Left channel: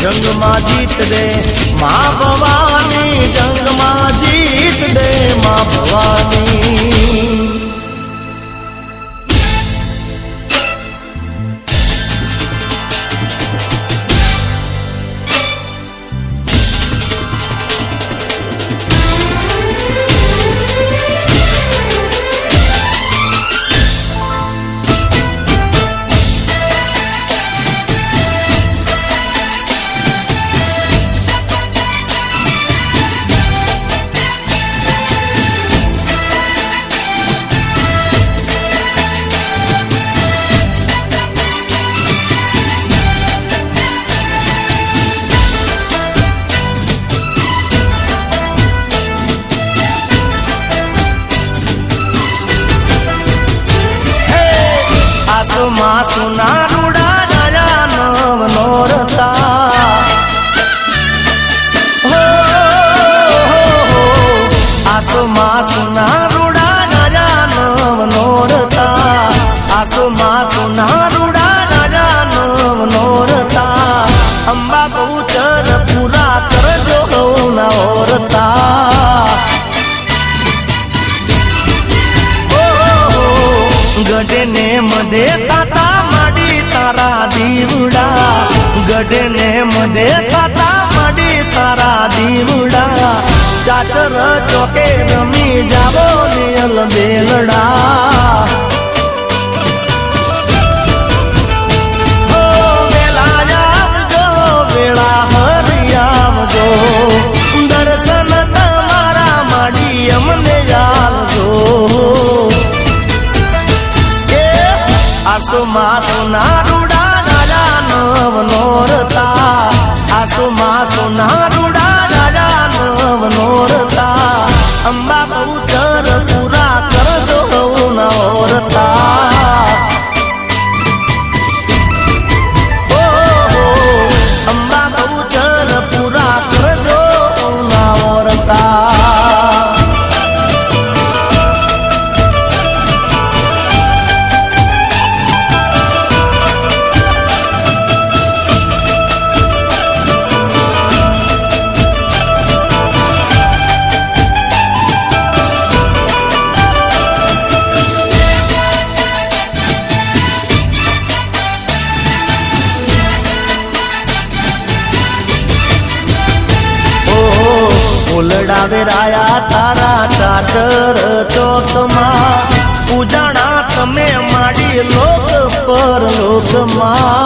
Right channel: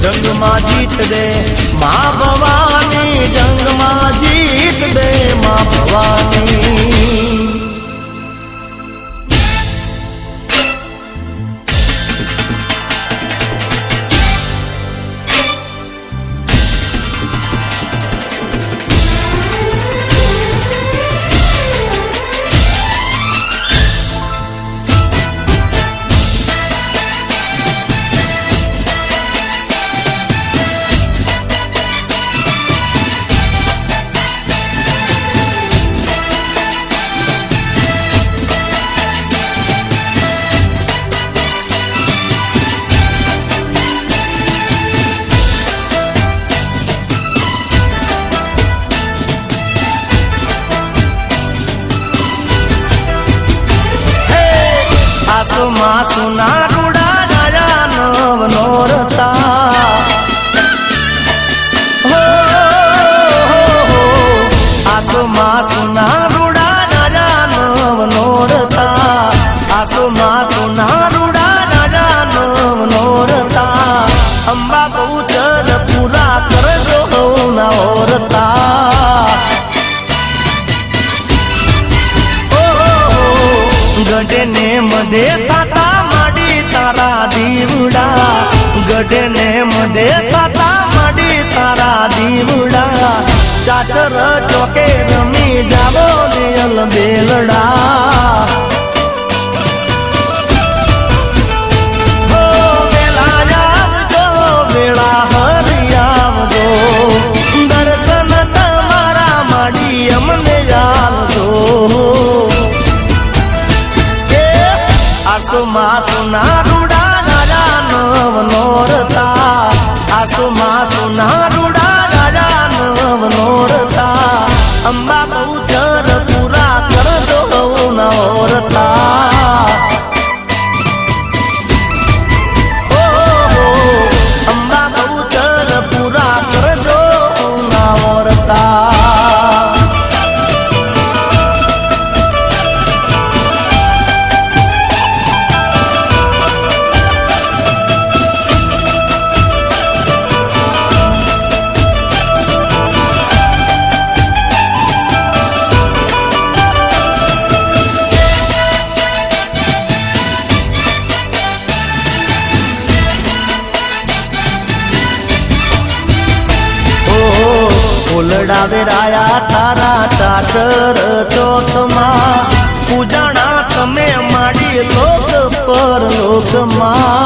જંગમાં જીત દે મા ભવાની, જંગમાં જીત દે મા ભવાની. સોના રૂડા રાજાનો નોરતા આસુમાં સોના રૂડા રાજાનો નોરતા, આસુમાં સોના રૂડા રાજાનો નોરતા. અંબા બહુચર પૂરા કરજો નોરતા. ગઢને મધે તાતા માડી તારા દીવડા, ગઢને મધે તાતા માડી તારા દીવડા. ચાચર ચોકે રમી જાવો દેલ બેલડા. વેળા હરિયાવજો, દર્શન તમારા માડી અમને આવજો. આસુમાં સોના રૂડા રાજાનો નોરતા, આસુમાં સોના રૂડા રાજાનો નોરતા. અંબા બહુચર પૂરા કરજો નોરતા. અંબા બહુચર પૂરા કરજો નોરતા. ફૂલડા વેરાયા તારા ચાચર ચોથમાં, પૂજાણા તમે માડી લોક પર લોકમાં.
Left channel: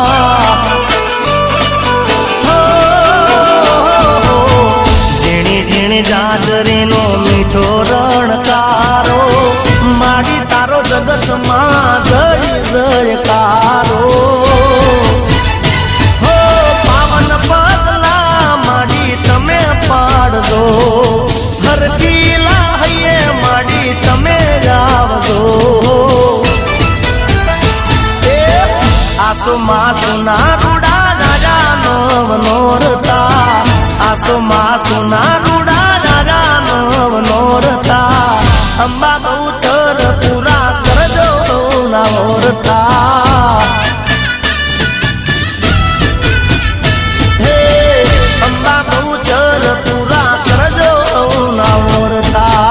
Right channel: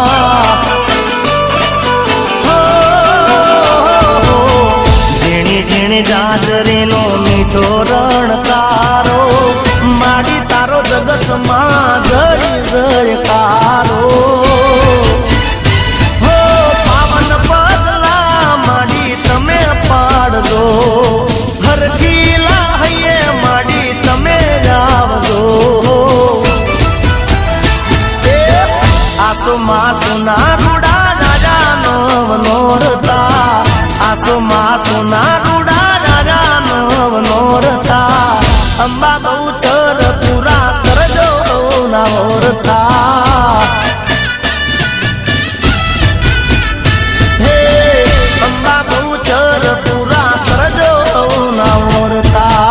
ઝીણી ઝીણી જાદરીનો મીઠો રણકારો, માડી તારો જગતમાં જય જયકારો. હરકીલા હૈયે માડી તમે આવજો. આસુમાં સોના રૂડા રાજાનો નોરતા આસમા સોના રૂડા નોરતા અંબા બહુ ચર પૂરા કરજો નોરતા હે અંબા બહુ ચર પૂરા કરજો નોરતા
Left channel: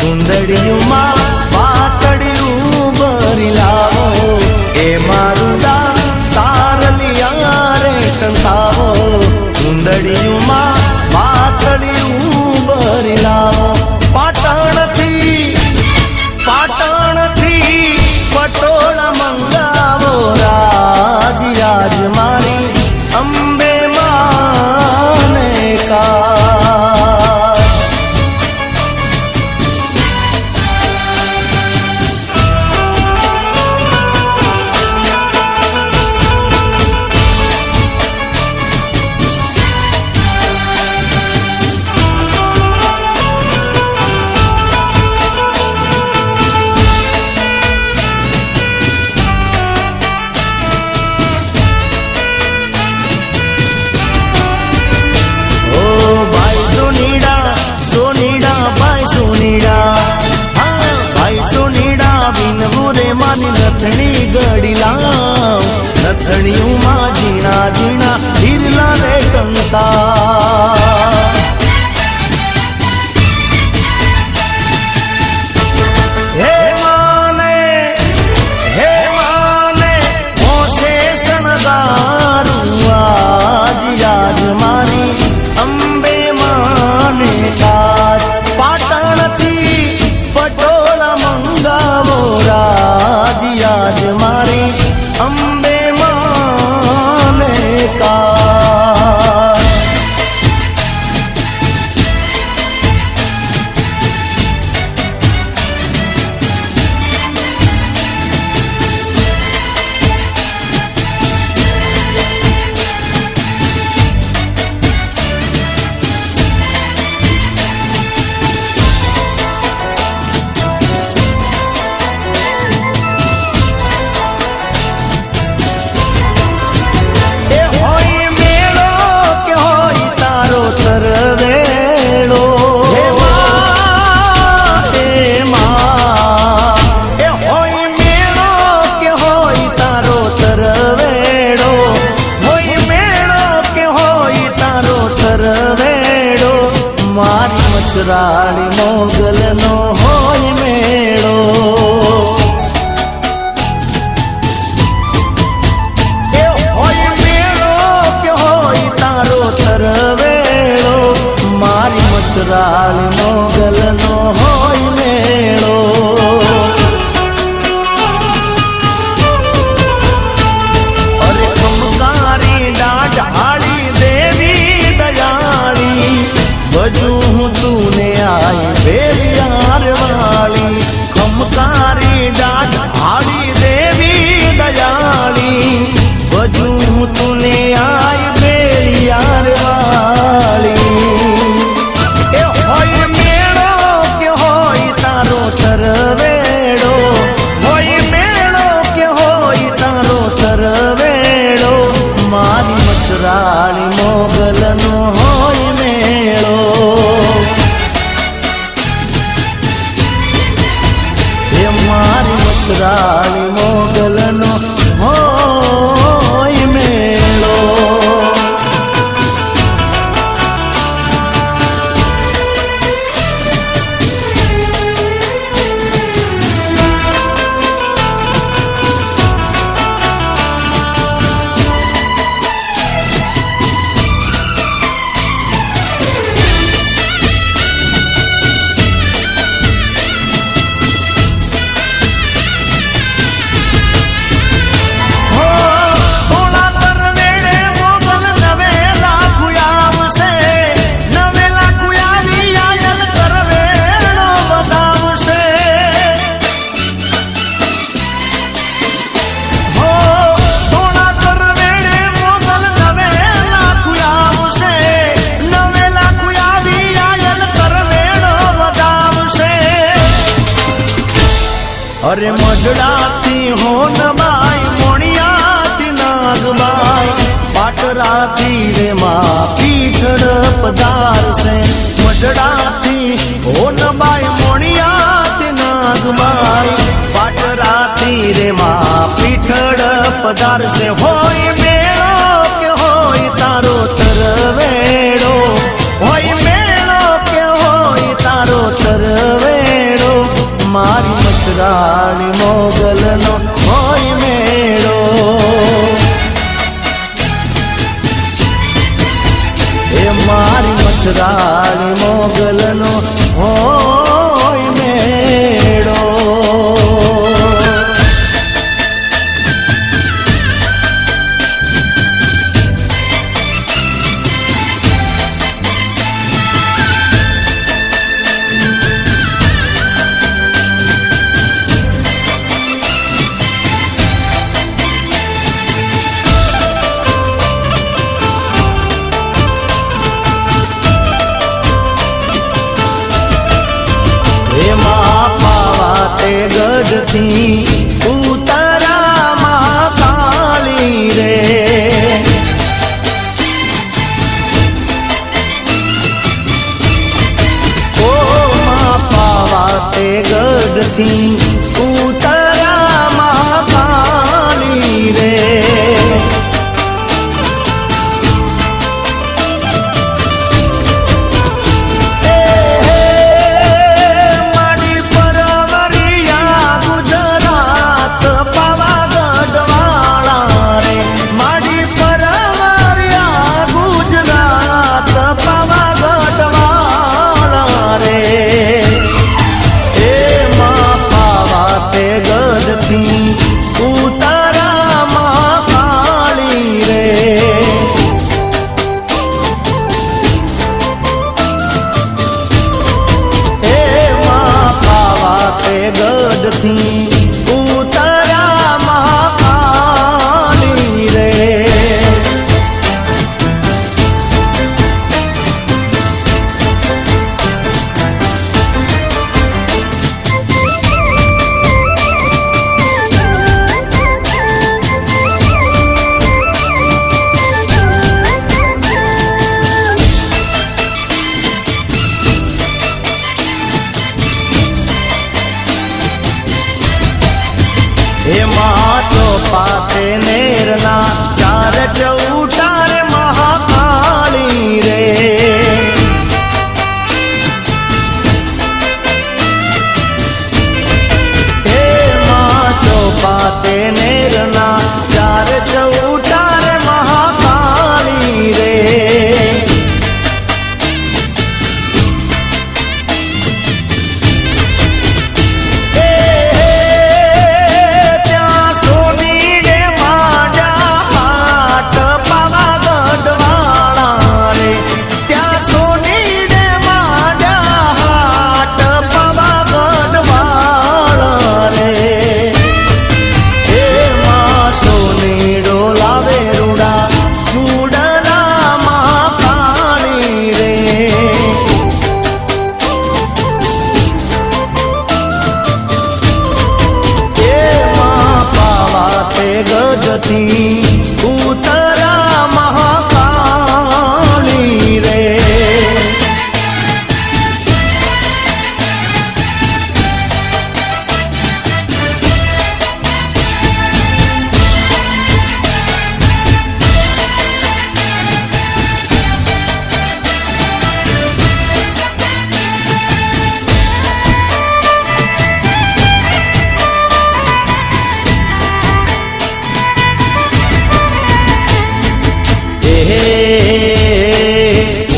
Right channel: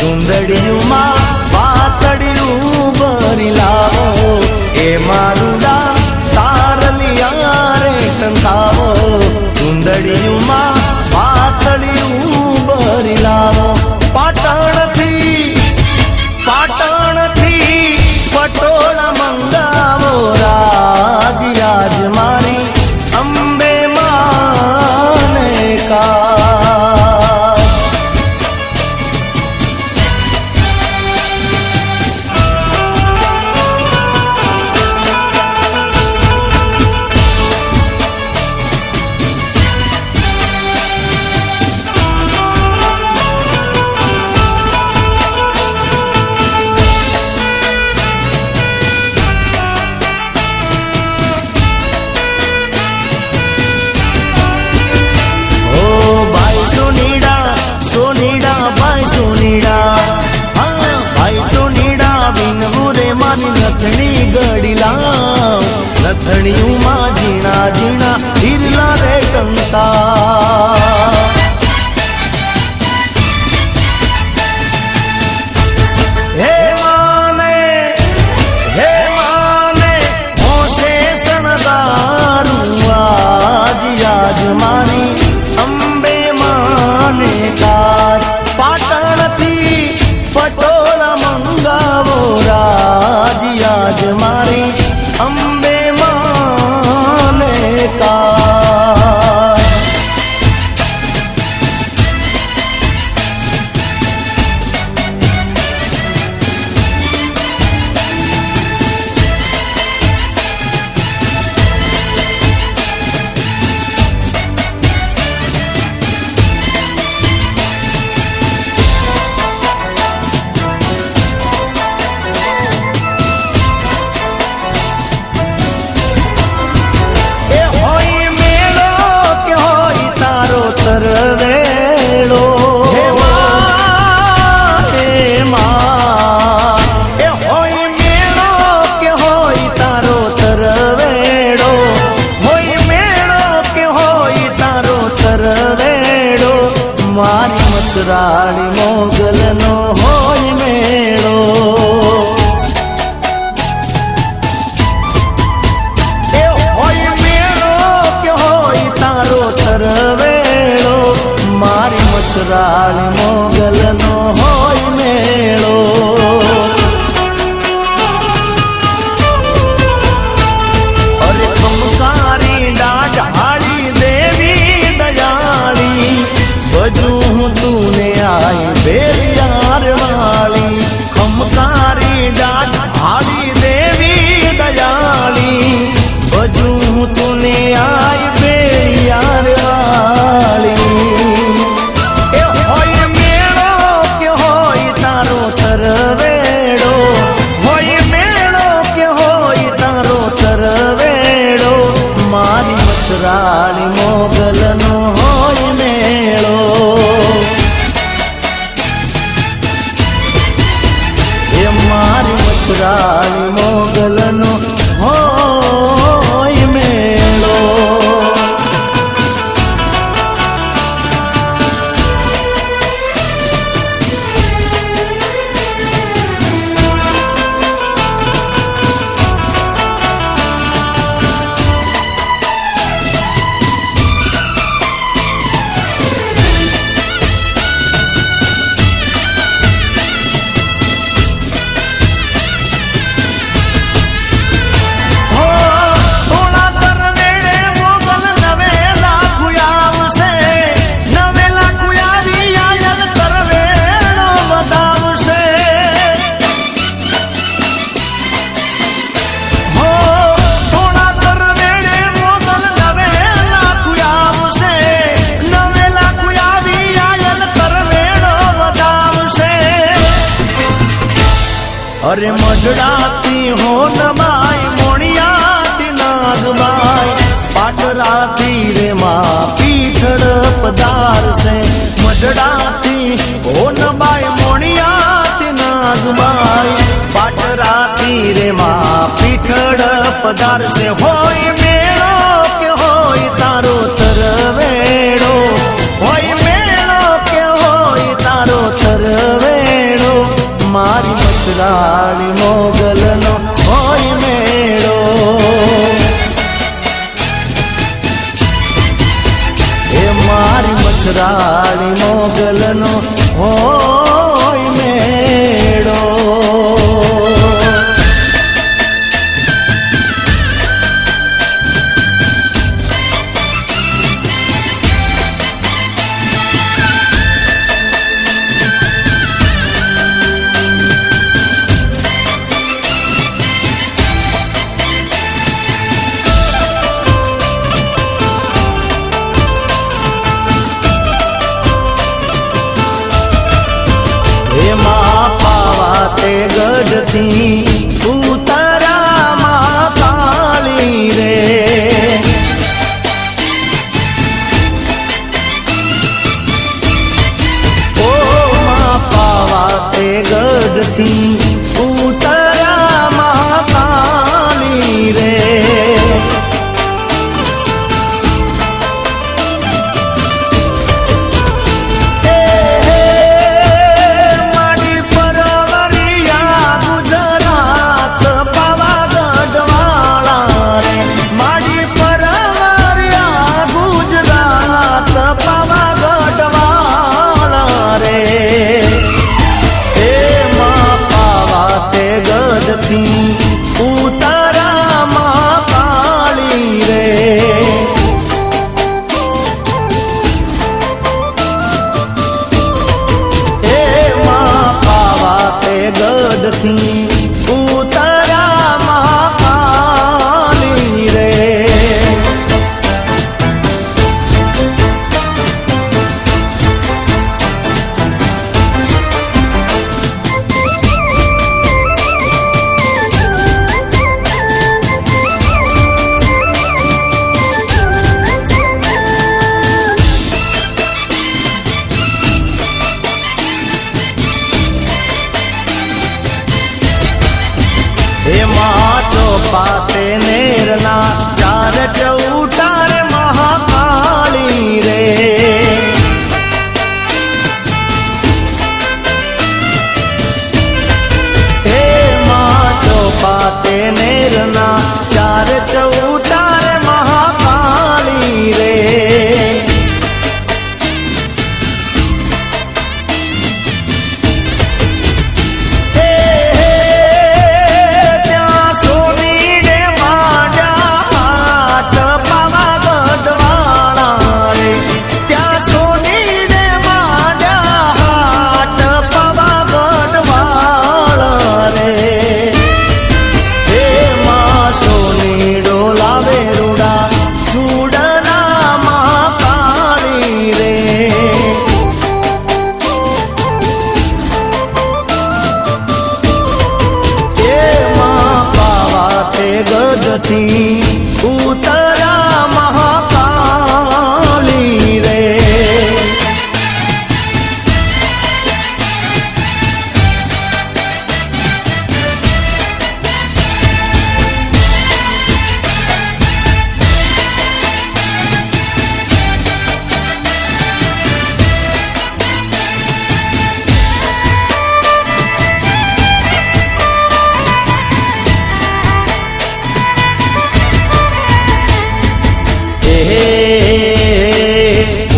સુંદડીયુમાં પાતળિયું ભરી લાવો એ મારુડા તારલિયા રે કંકાવો સુંદડીયુમાં પાતળિયું ભરી લાવો પાટણથી પટોળ મંગાવો રાજ મારી અંબે માને કા નથણી ગડીલા નથણીમાં ઝીણા ઝીણા હીરના રે કંકા હે માને હોશે શણગારું આજ મારી અંબે માને કાર પાટણથી પટોળ મંગાવો રાજ મારી અંબે માને કા રાણી મોગલનો હોય મેળો એ હોય મેળો કે હોય તારો તરવેળો મારી મસરાળી મોગલનો હોય મેળો અરે કુંકારી દાઢાળી દેવી દયાળી બધું तूने आई बेरियार वाली हमकारी डाढ़ी देवी दयाली बजू तूने आई बेरियार वाली ए होय मेळो के होय तारो तरवेड़ो होय मेळो के होय तारो तरवेड़ो मारी मसराणी मोगलनो होय मेळो મારી મસરાળી મોગલનો હોય મજડાથી હો નબાઈ મોણિયાથી નાગબાઈ પાટરાથી રે માં પીઠડ પધાર છે મજડાથી હો નબાઈ મોણિયાથી નાગબાઈ પાટરાથી રે માં પીઠડ પધાર છે હોય મેળો કે હોય તારો તરવેડો હોય મેળો કે હોય તારો તરવેડો મારી મચરાળી મોગલનો હોય મેળો એ મારી મચરાળી મોગલનો હોય મેળો એમાં પાતે ગઢથી ઉતરામાં કાળી રે ઓ પાતે ગઢથી ઉતરામાં કાળી રે ઉતારામાં કાળી રે હે પાવાતે ગઢથી ઉતારામાં કાળી રે એમાં ચોપાતે નેરના ચાર ચૌટાર મહાકાળી રે એમાં ચોપાતે નેરના ચાર ચૌટાર મહાકાળી રે ગઢથી ઉતરા મહાકાળી રે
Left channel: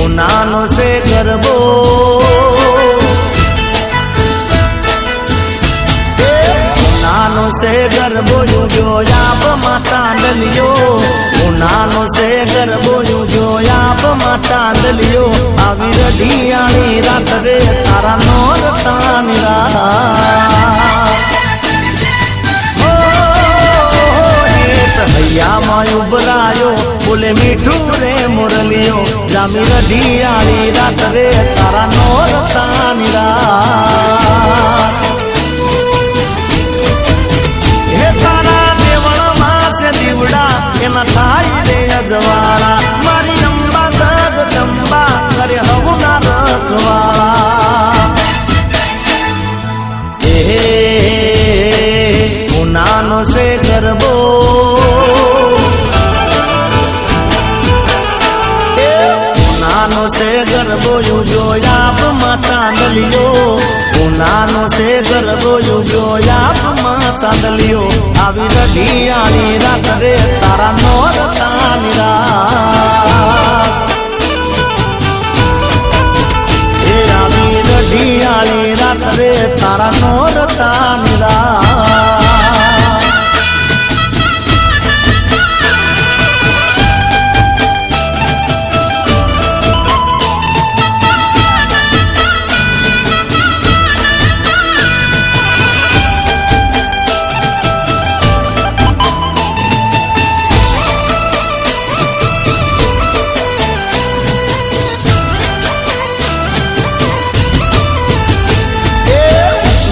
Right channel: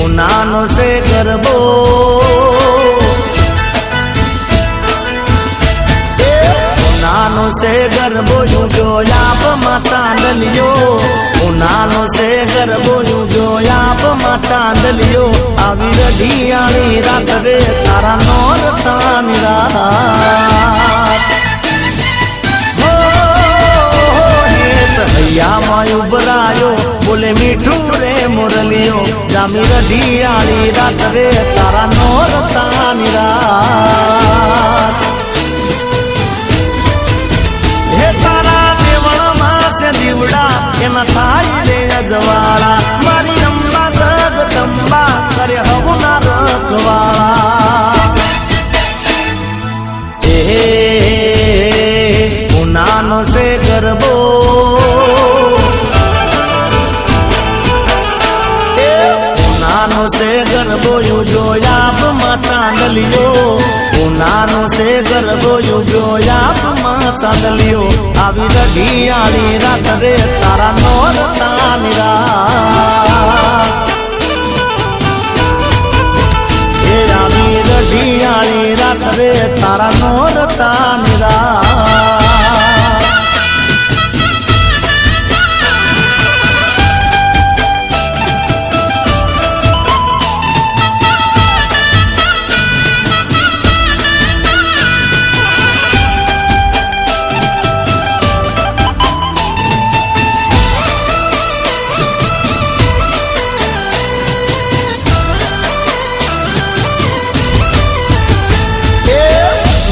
ઉનાનો સે ગરબો ઉનાનો સે ગરબો જોયા તો ચાંદલિયો ઉનાનો સે ગરબો જોયા તો ચાંદલિયો આવી રઢિયાળી રાત રે તારા મોર તાની હૈયામાં ઉભરાયો બોલે મીઠું રે મુરલીઓ જામી રઢિયાળી રાત રે તારા મોર તાની રાત ચાંદલીઓ આવી રઢિયાળી રાત રે તારા નોરતાની રાત એ આવી રઢિયાળી રાત રે તારા નોરતાની રાત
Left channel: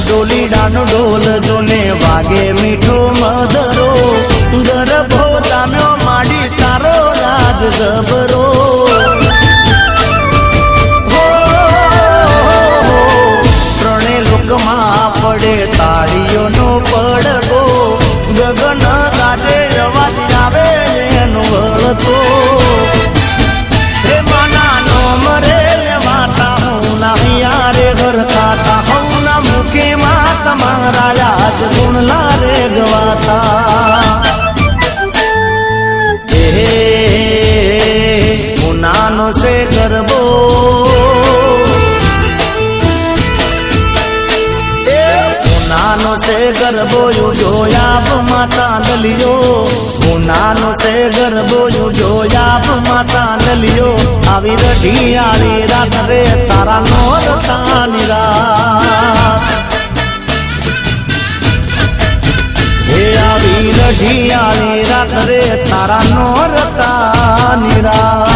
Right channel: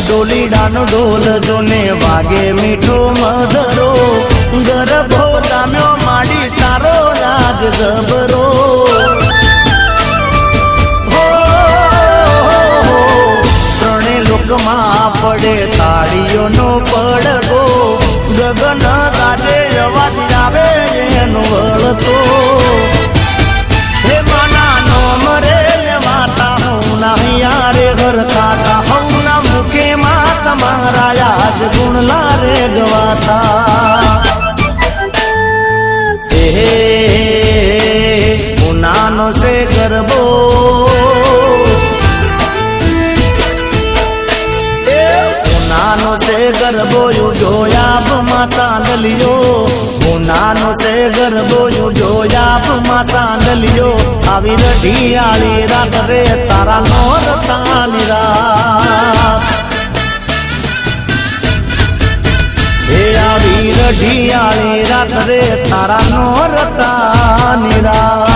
ડોલીડાનો ઢોલ જોને વાગે મીઠો મધરો ગરબો જામ્યો માડી તારો રાજ જબરો ત્રણે લોકમાં પડે તાળીઓનો પડવો ગગન ગાજે અવાજ આવે એનો વળતો હે માના નો મરે માતા હું નાહિયા રે ઘર ખાતા કે માતા મારા યાદ ગુણલા રે ગવાતા હું નાનો સે ગરબો નાનો સે ગરબો જોયા માતા દલિયો હું નાનો સે ગરબો જોયા માતા દલિયો આવી રઢિયાળી રાત રે તારા નોરતાની રાત હે આવી રઢિયાળી રાત રે તારા નોરતાની રાત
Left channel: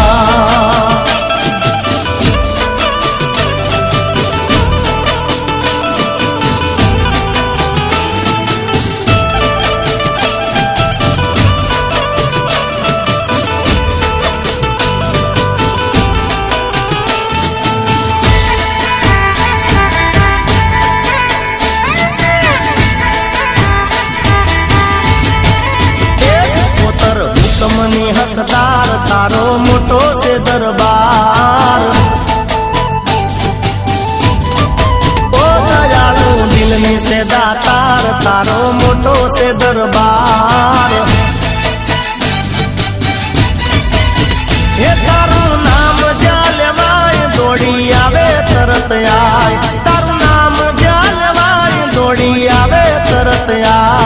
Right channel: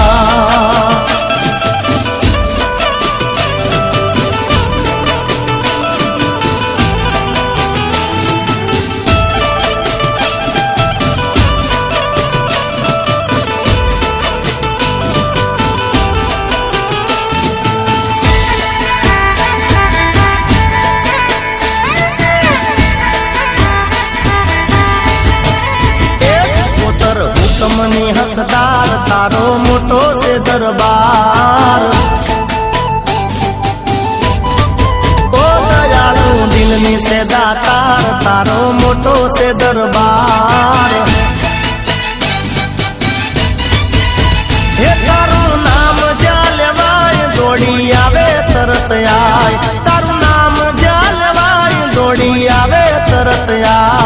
હુકમની હકદાર તારો મોટો છે દરબાર ઓ દયાળુ દિલની સે દાતાર તારો મોટો છે દરબાર હે તારું નામ જ્યાં લેવાય દોડી આવે તરત આય તારું નામ જ્યાં લેવાય દોડી આવે તરત આય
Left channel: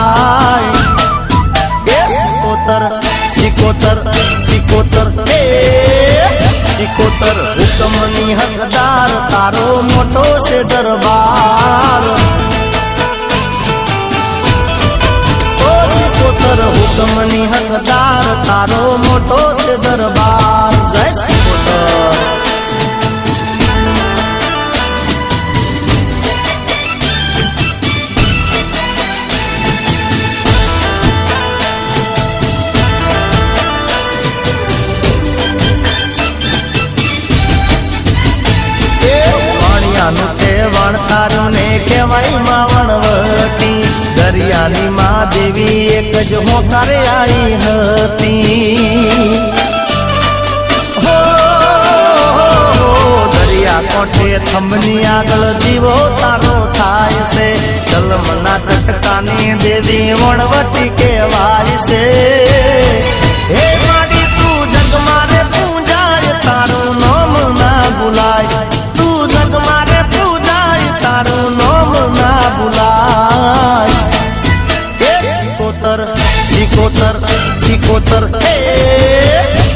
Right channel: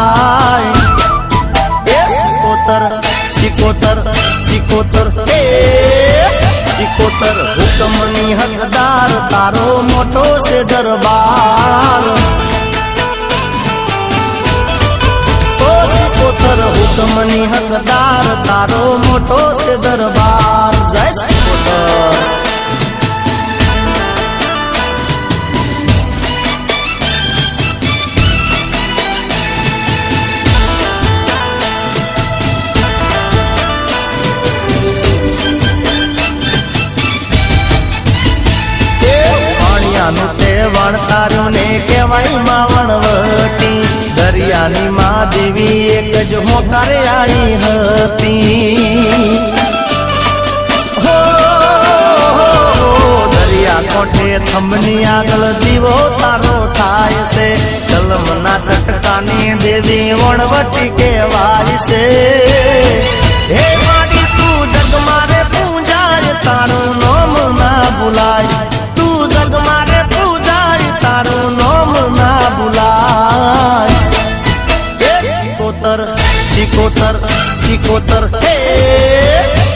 સિકોતર સિકોતર હે સિકોતર હુકમની હકદાર તારો મોટો છે દરબાર ઓ સિકોતર હુકમની હકદાર તારો મોટો છે દરબાર જય સિકોતર દરિયાની મા દેવી એક જ હોકારે આવી હતી દરિયા કાંઠે થંભની આગળ જીવો તારો થાય છે ચલમના ચટકાની દેવી વણવટી કહેવાય છે હે માડી તું જગ મારે પૂજાય તારું નામ ના ભૂલાય તું જગ મારે પૂજાય તારું નામ ના ભૂલાય સિકોતર સિકોતર હે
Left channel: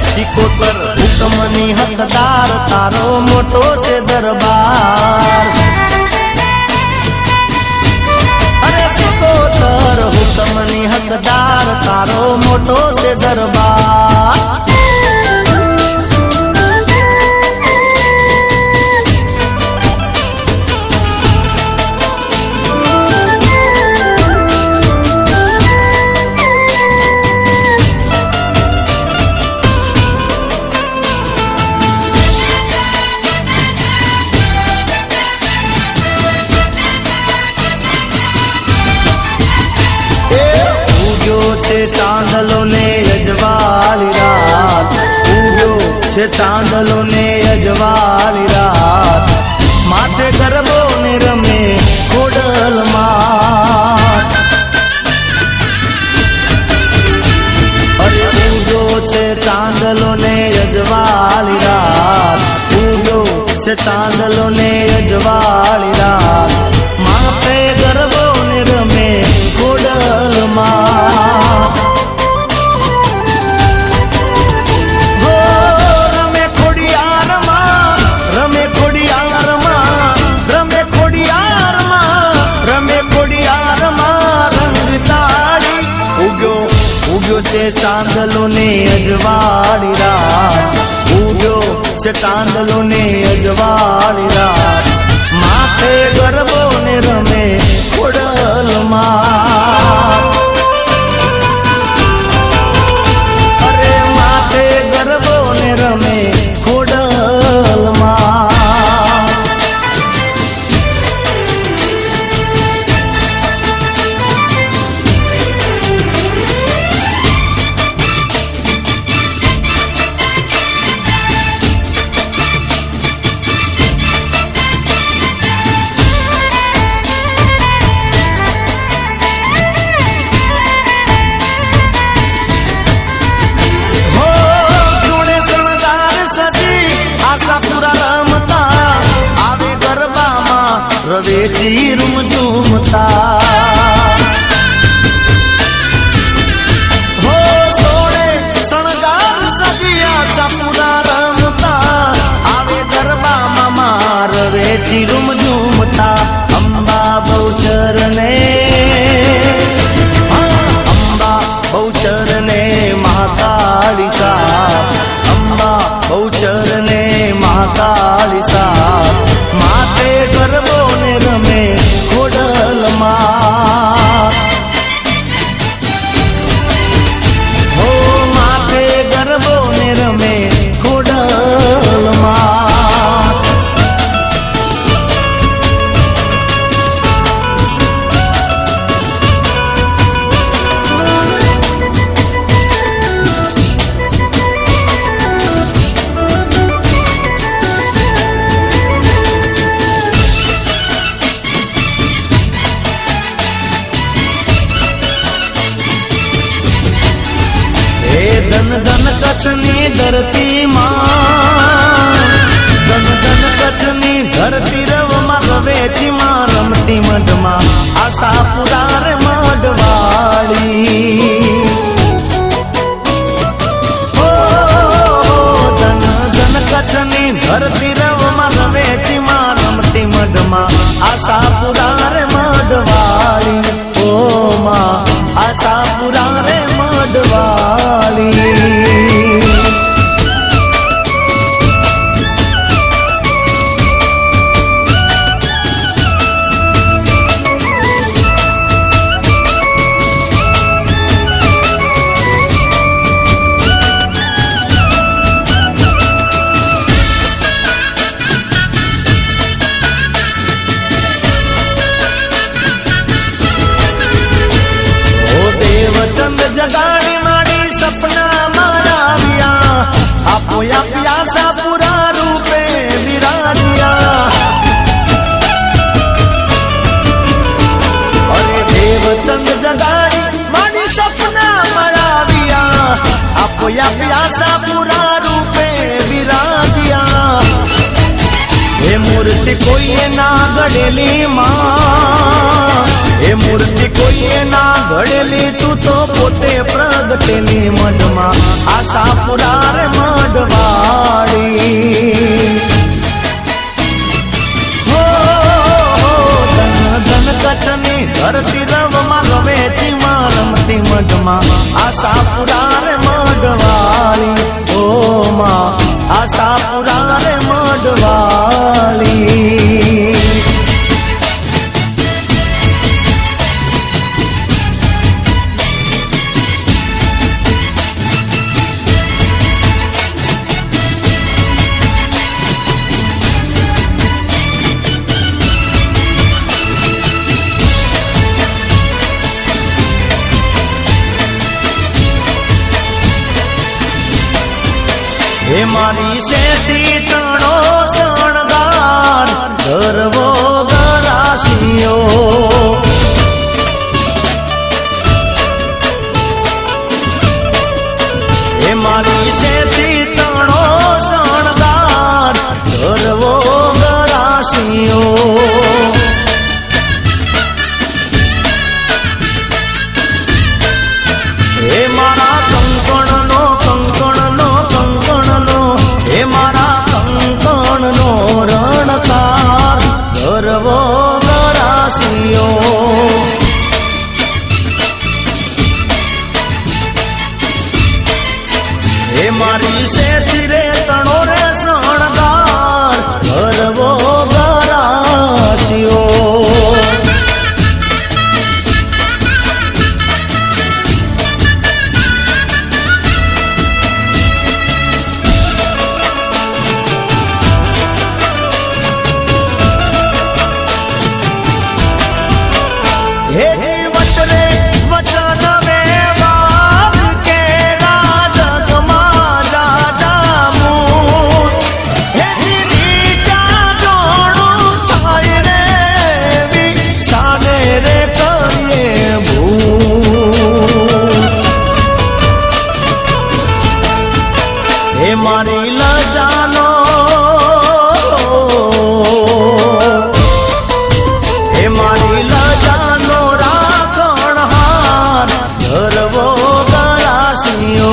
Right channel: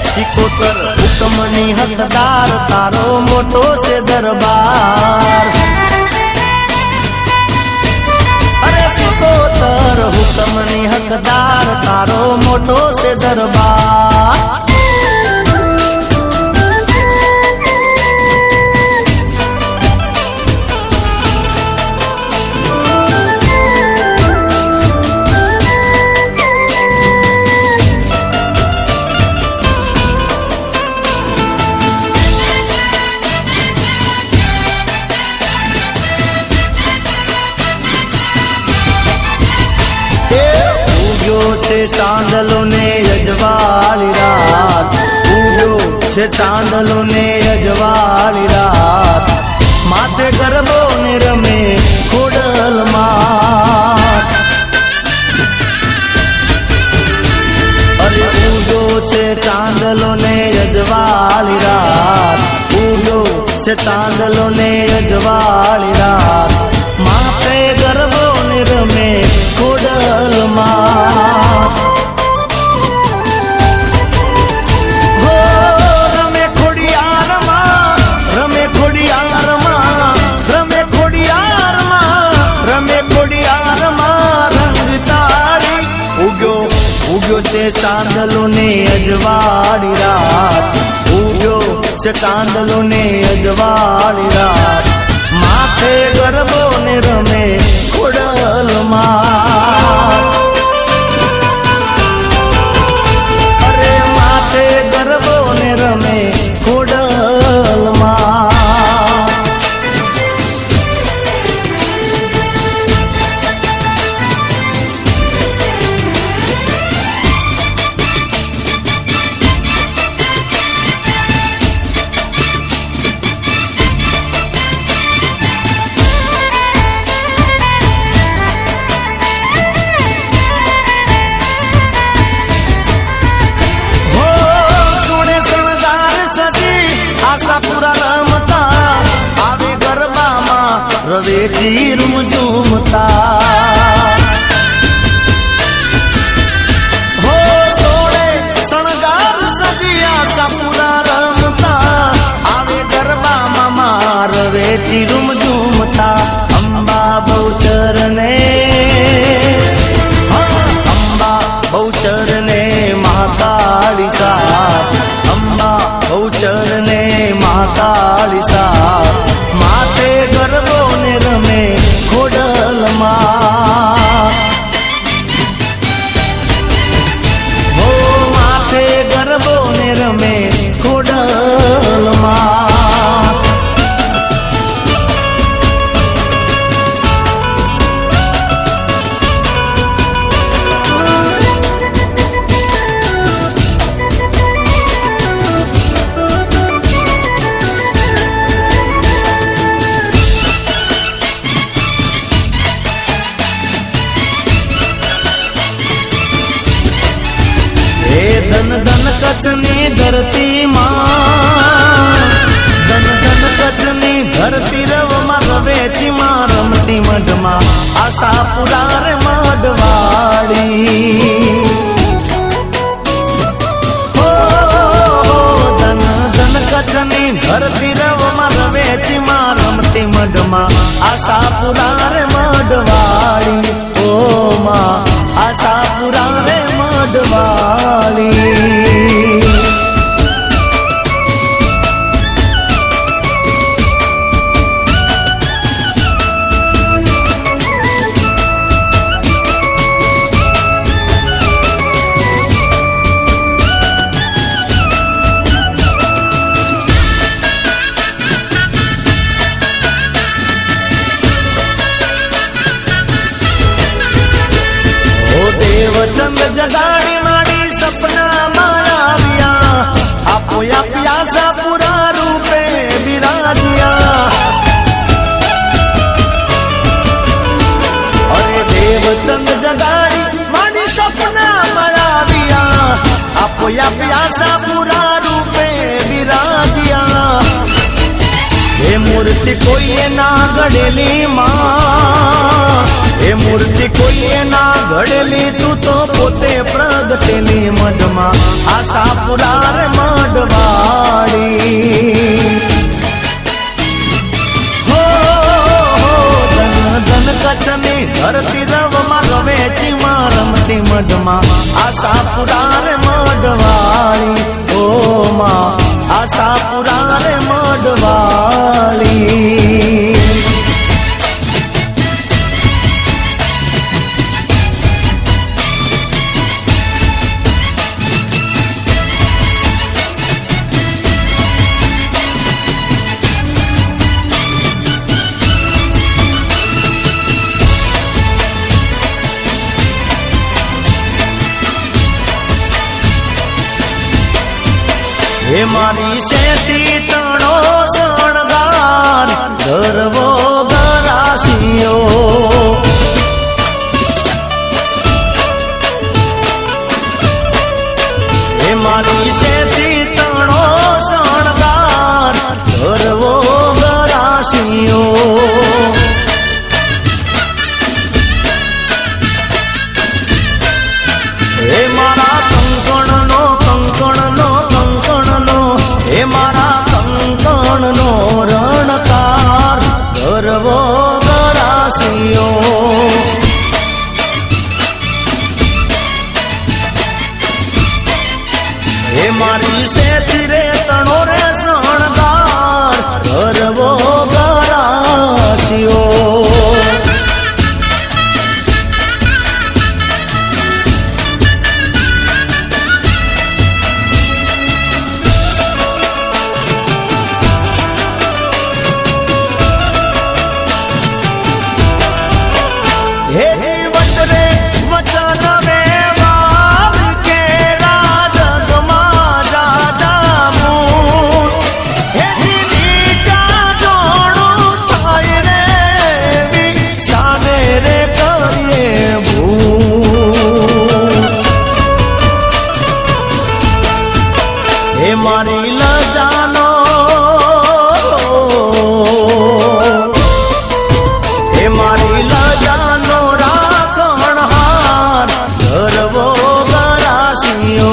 સિકોતર હુકમની હકદાર તારો મોટો છે દરબાર અરે સિકોતર હુકમની હકદાર તારો મોટો છે દરબાર ચાંદલો ને અજવાળી રાત ઉગ્યો છે ચાંદલો ને અજવાળી રાત માથે ગરબો ને રમે ખોડલમાં છે ચાંદલો ને અજવાળી રાત માથે ગરબો ને રમે ખોડલમાં રમે ખોડિયારમાં રમે ખોડિયારમાં રમે ખોડિયારમાં રમે ખોડિયારમાં રંગ તારી ઉગ્યો છે ચાંદલો ને અજવાળી રાત ઉગ્યો છે ચાંદલો ને અજવાળી રાત માથે ગરબો ને રમે ખોડલમાં અરે માથે ગરબો ને રમે ખોડલમાં રવેચી રૂમતા હો સોળે શણગાર સજિયા સપના રમતા આવે ગરબામાં રવેચી રૂમતા અંબા બહુચર ને અંબા બહુચર ને મહાકાળી સાથ અંબા બહુચર ને મહાકાળી સાથ માથે ગરબો ને રમે ખોડલમાં હો માથે ગરબો ને રમે ખોડલમાં ધન ધન કચ્છની ધરતીમાં ધન ધન કચ્છની ધરતી રવમાં રવેચીમાં રમતી મઢમાં આશાપુરા રે મઢવાળી ધન ધન કચ્છની ધરતી રવમાં રવેચીમાં રમતી મઢમાં આશાપુરા રે મઢવાળી ઓ માં આશાપુરા રે મઢવાળી દેવચંદ જગાડી માડી સપના મારાવ્યા આપો પ્યાસા પુરા રૂપે વિરાજ્યા અરે દેવચંદ જગાડી માડી સપના મારાવ્યા આપો પ્યાસા પુરા રૂપે વિરાજ્યા હે મૂર્તિ કોઈએ ના ગળેલી માં એ મૂર્તિ કોઈએ ના ઘડેલી તું તો પોતે પ્રગટેલી મઢમાં આશાપુરા રે મઢવાળી હો ધન ધન કચ્છની ધરતી રવમાં રવેચીમાં રમતી મઢમાં આશાપુરા રે મઢવાળી ઓ માં આશાપુરા રે મઢવાળી હે મારી શેતી તણો શણગાર ગરવો ગરાશીઓ હે મારી શેતી તણો શણગાર ગરવો વાસીઓ હે મારા કંકણનો હે મારા કંકણનો રણકાર ગરવો ગરાસીઓ હે મારી સેતી રે તણો રે શણગાર ગરવો ગરાસીઓ હે વચને વચન વેવાર કે રાજમાં જાજામો હે નીચા જોડું થાય રે વિસાને રે કરીએ ભૂ હે મારી ન જાનો હે મારી ન જાનો રાખણહાર ગરવો ગરાસીઓ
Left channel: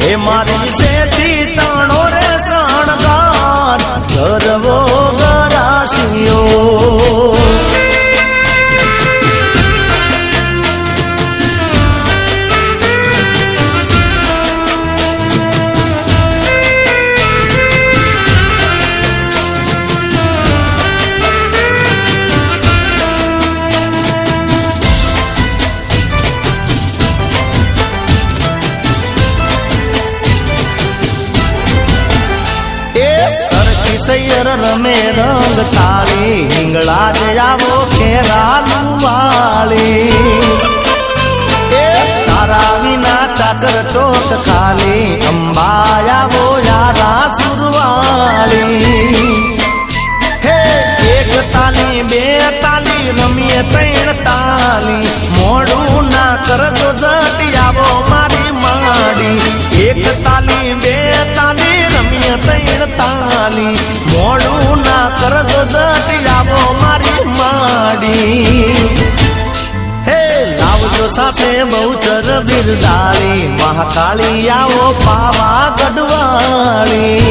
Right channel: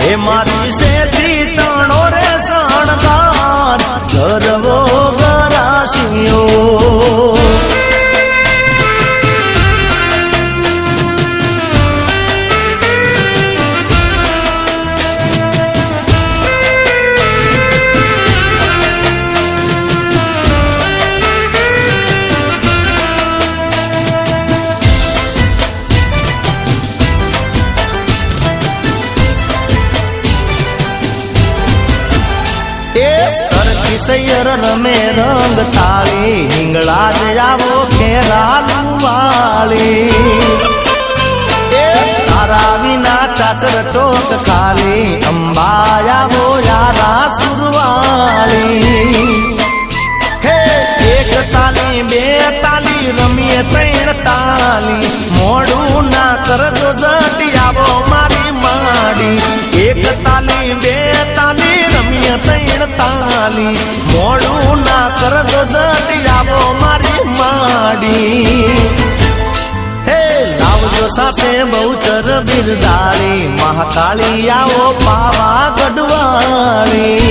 હે મારી સેતી તણો રે શણગાર ગરવો ગરાસીઓ સૈયર રમે રંગ તાળી હિંગળા જ આવો ખેરાલુ વાળી તારા વિના ચાકર ચોક ખાલી અંબાયાવો યારા સુરવાળી હે એક તાલી બે તાલી રમીએ ત્રણ તાલી મોડું ના કરત જતી આવો મારી માડી એક તાલી બે તાલી રમીએ ત્રણ તાલી મોડું ના કરત જતી આવો મારી માડી હે લાવજો સાથે બહુચર બિરદાળી મહાકાળી આવો પાવા ગઢવાળી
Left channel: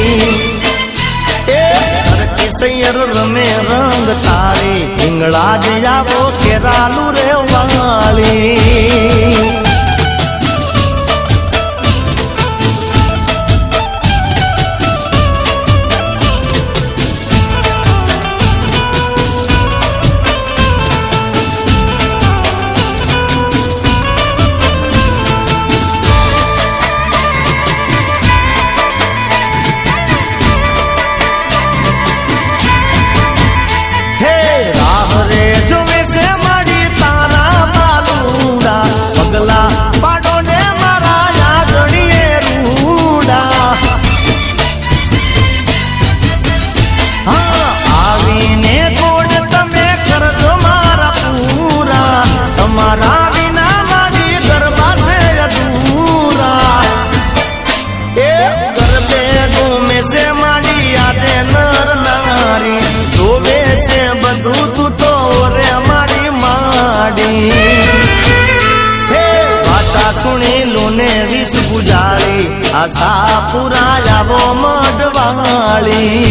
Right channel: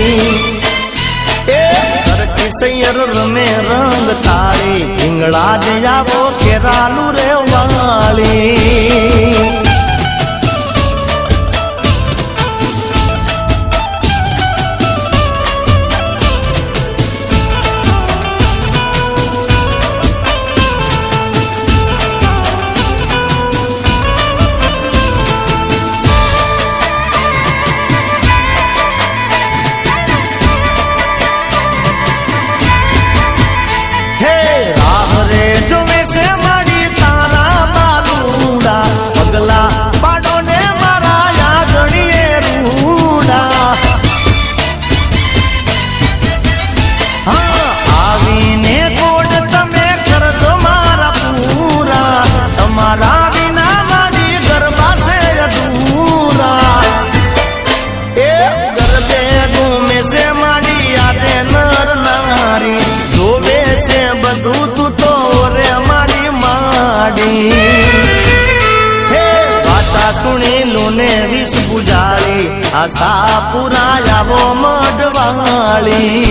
સૈયર રમે રંગ તાળી હિંગળા જ આવો ખેરાલુ રે વાળી હે રામ રે જોમે સે મારી તારા માલુડા પગલા પાડો ને મારા યાદડીએ રૂડા આવીને કોડ તમે કરજો મારા પૂરા અમારા વિના મારી ગરબા છે અધૂરા એ ગરબે જોમે સે મારી આજે નર નારી જોવે છે બધું તું તો રે મારી માડી હે વાતા સુણી લોને વિષ ગુજારી આશા પૂરા આવો મઢવાળી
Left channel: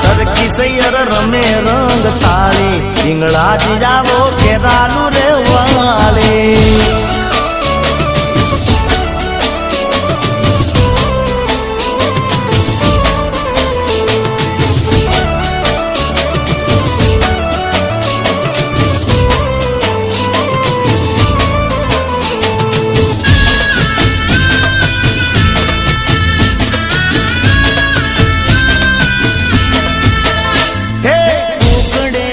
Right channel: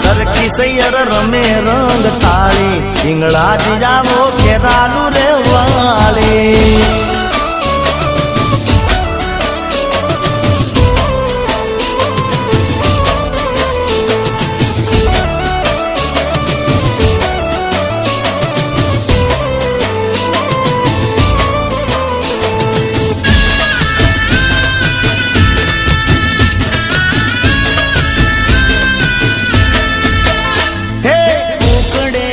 સરખી સૈયર રમે રંગ તાળી હિંગળા જ આવો ખેરાલુ રે વાળી હે કુકડે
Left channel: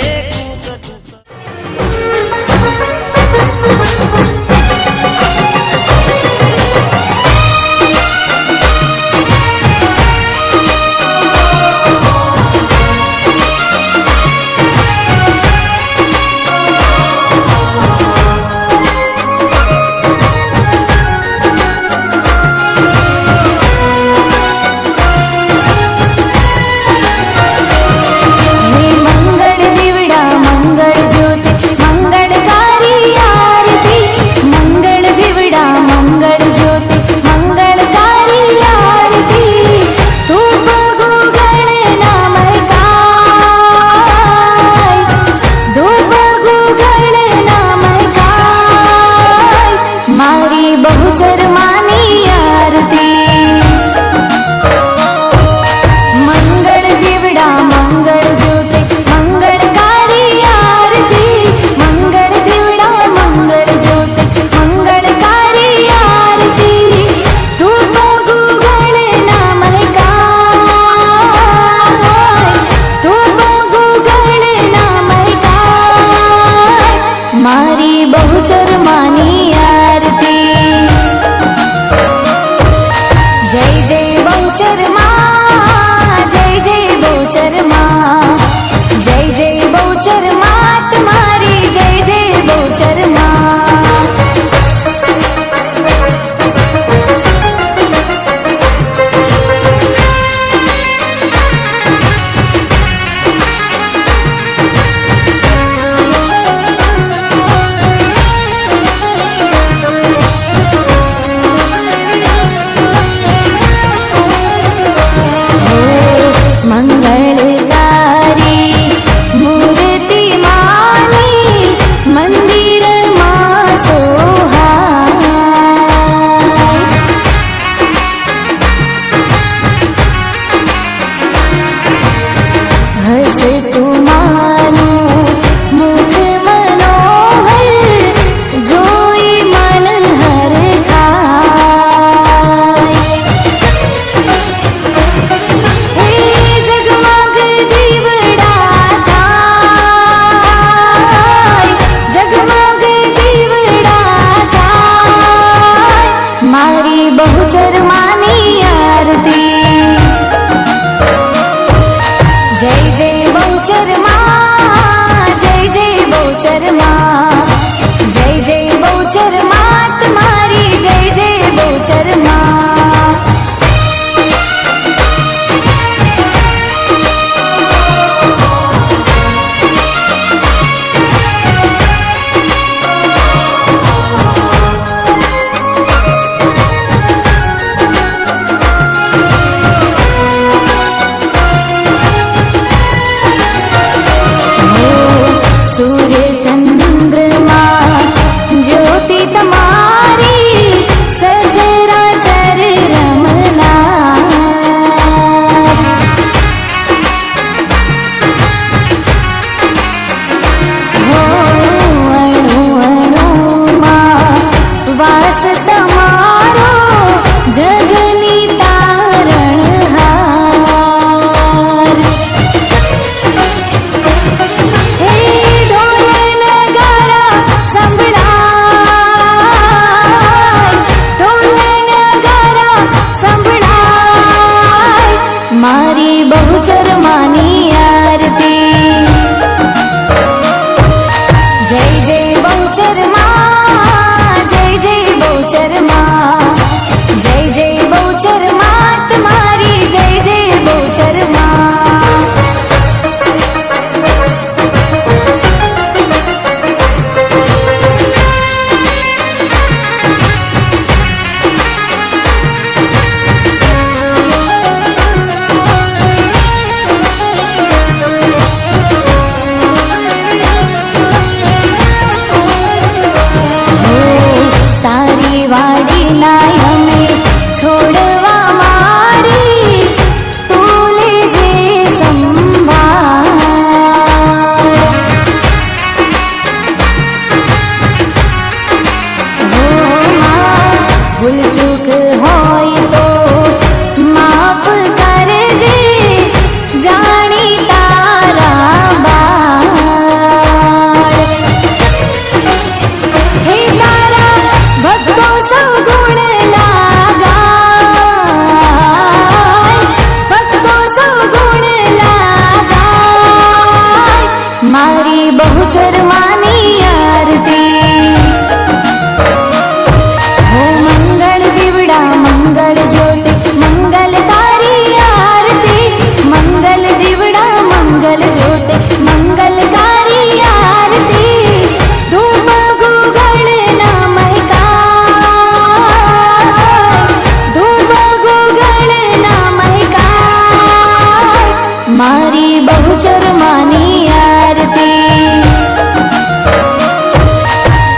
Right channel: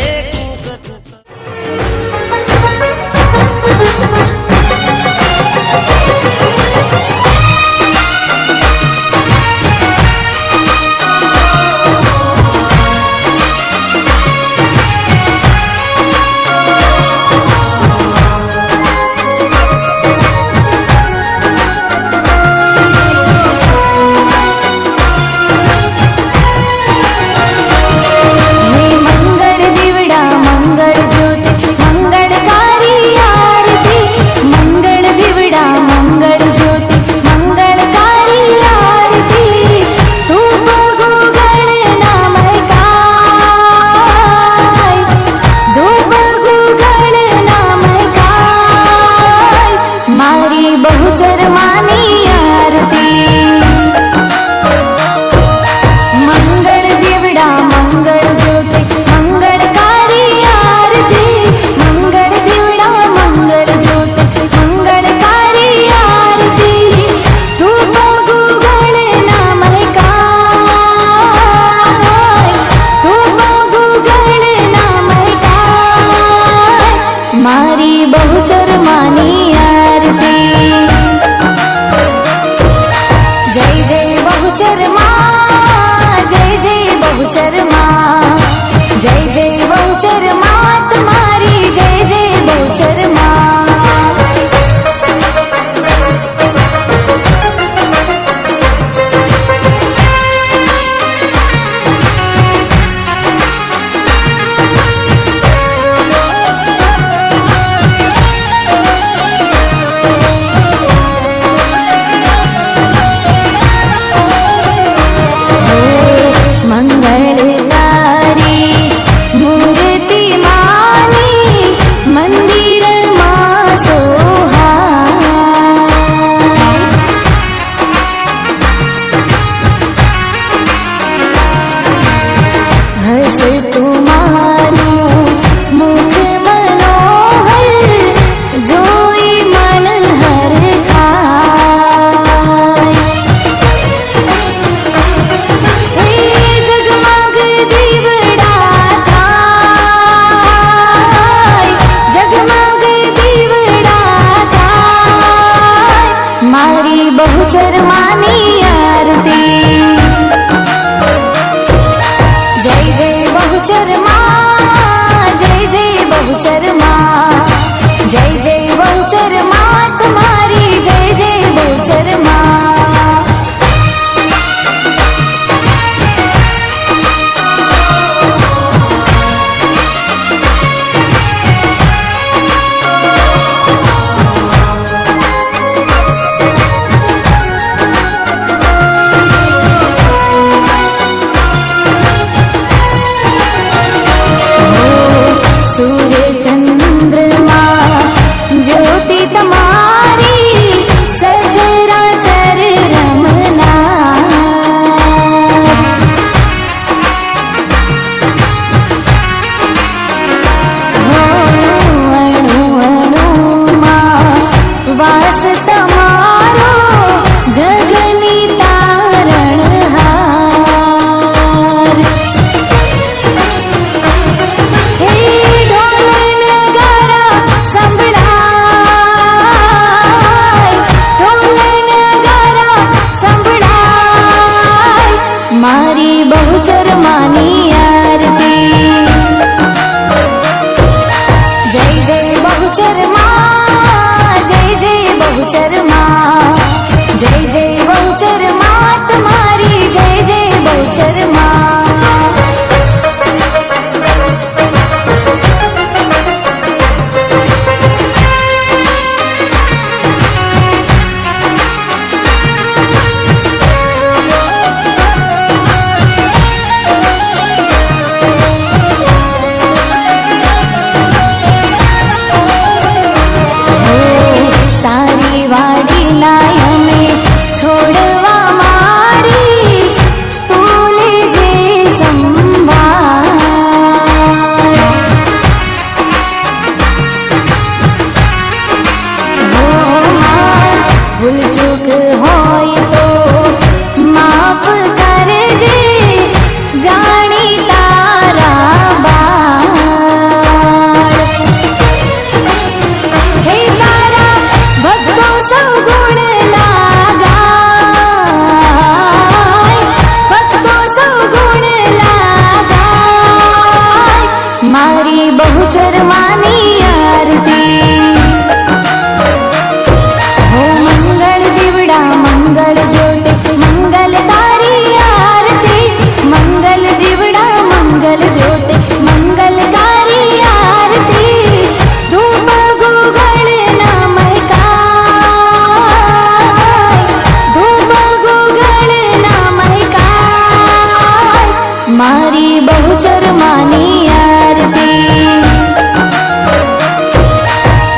મારી બહુચર માની આરતી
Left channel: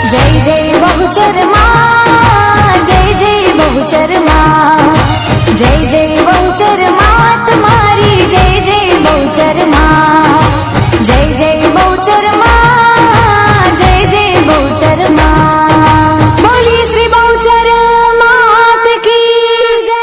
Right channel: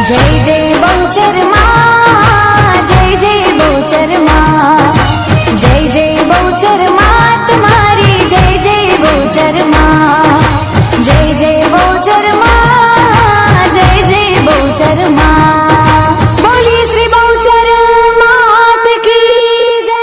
જય જય બહુચર માં જય જય બહુચર માં જય જય બહુચર માં તમારી જય જય બહુચર માં જય જય બહુચર માં જય જય બહુચર માં બોલી શ્રી બહુચર માત કી જય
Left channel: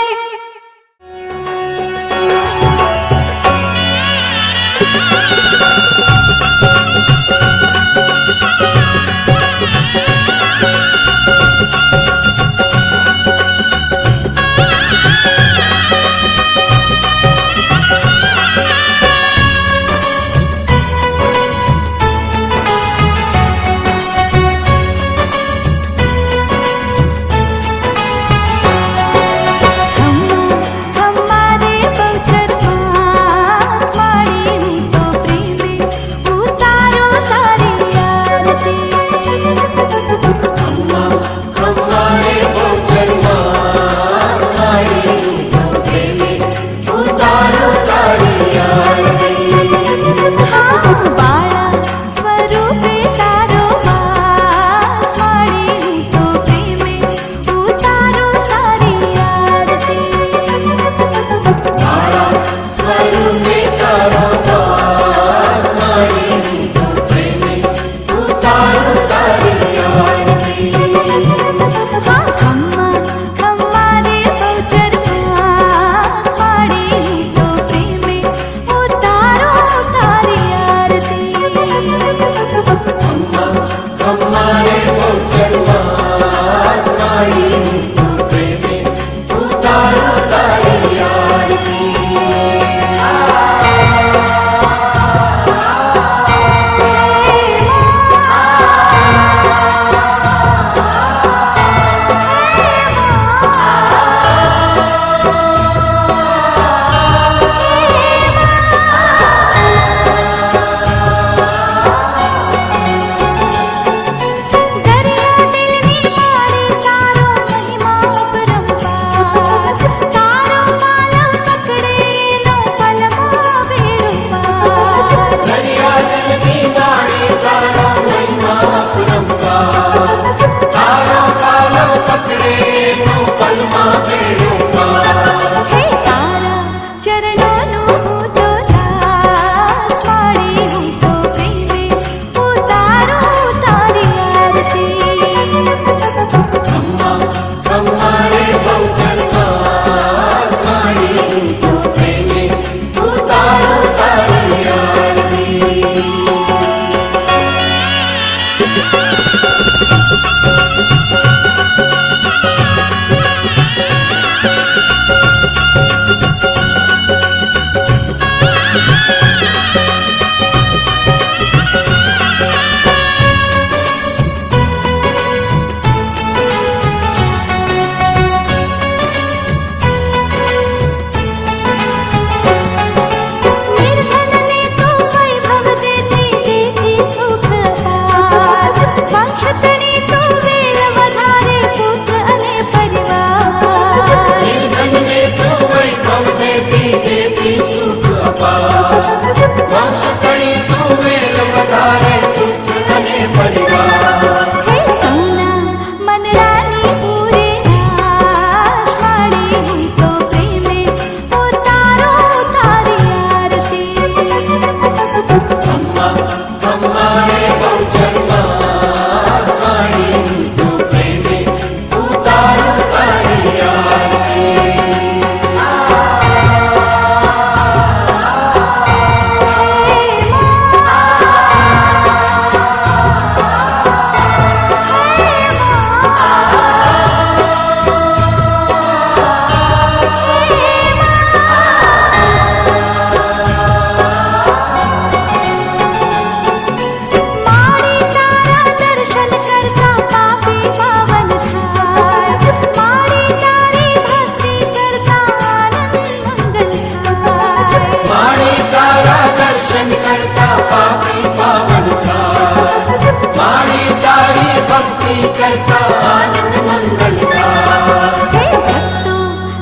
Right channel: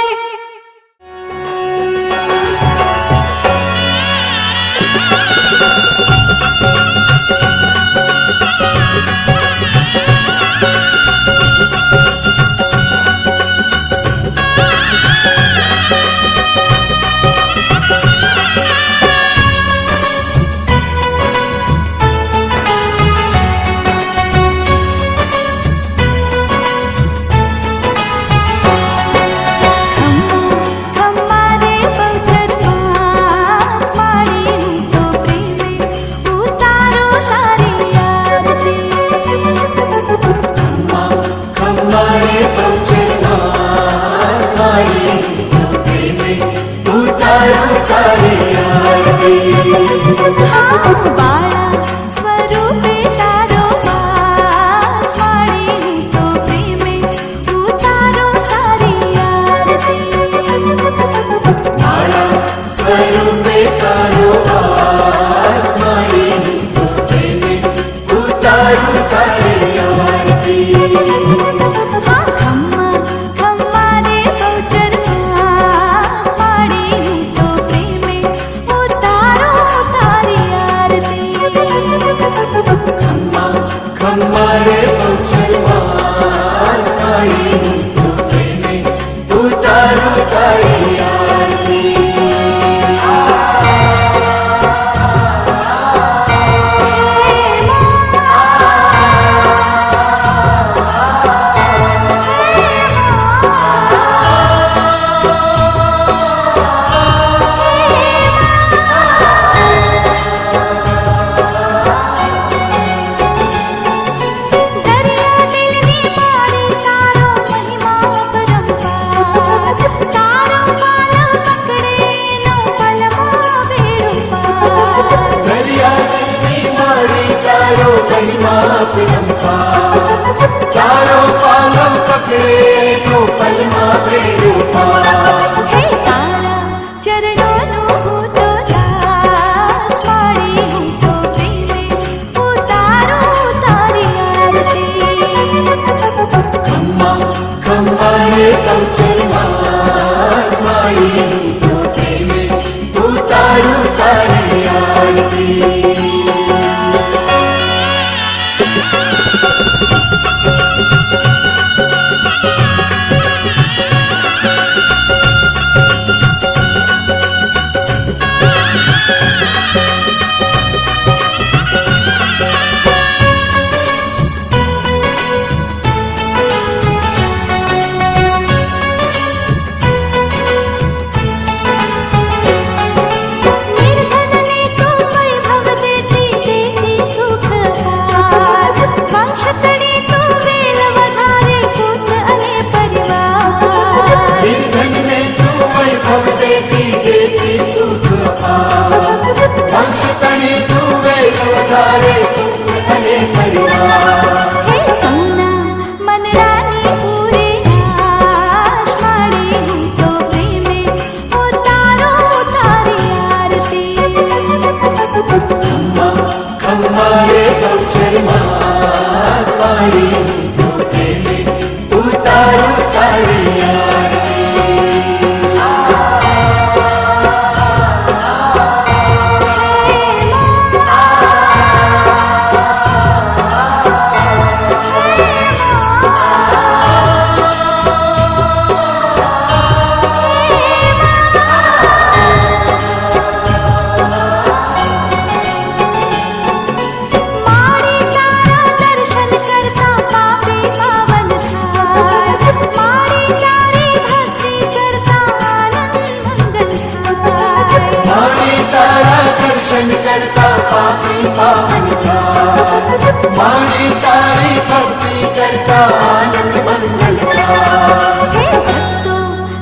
ભક્તો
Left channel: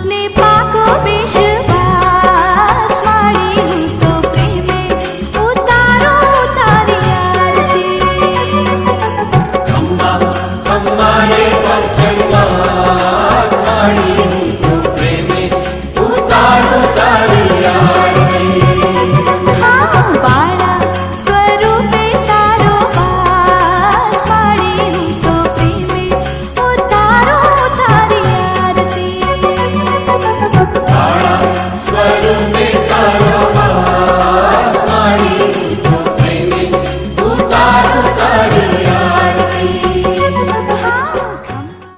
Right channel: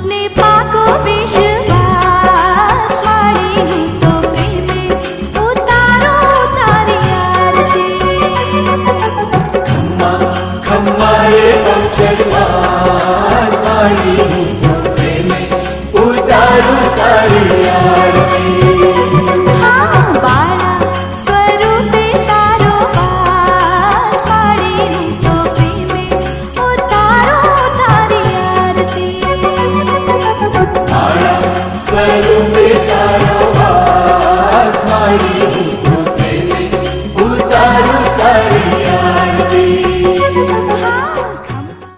ને પાકો વિશ્વાસ મારી હું તો પ્રેમ शरणं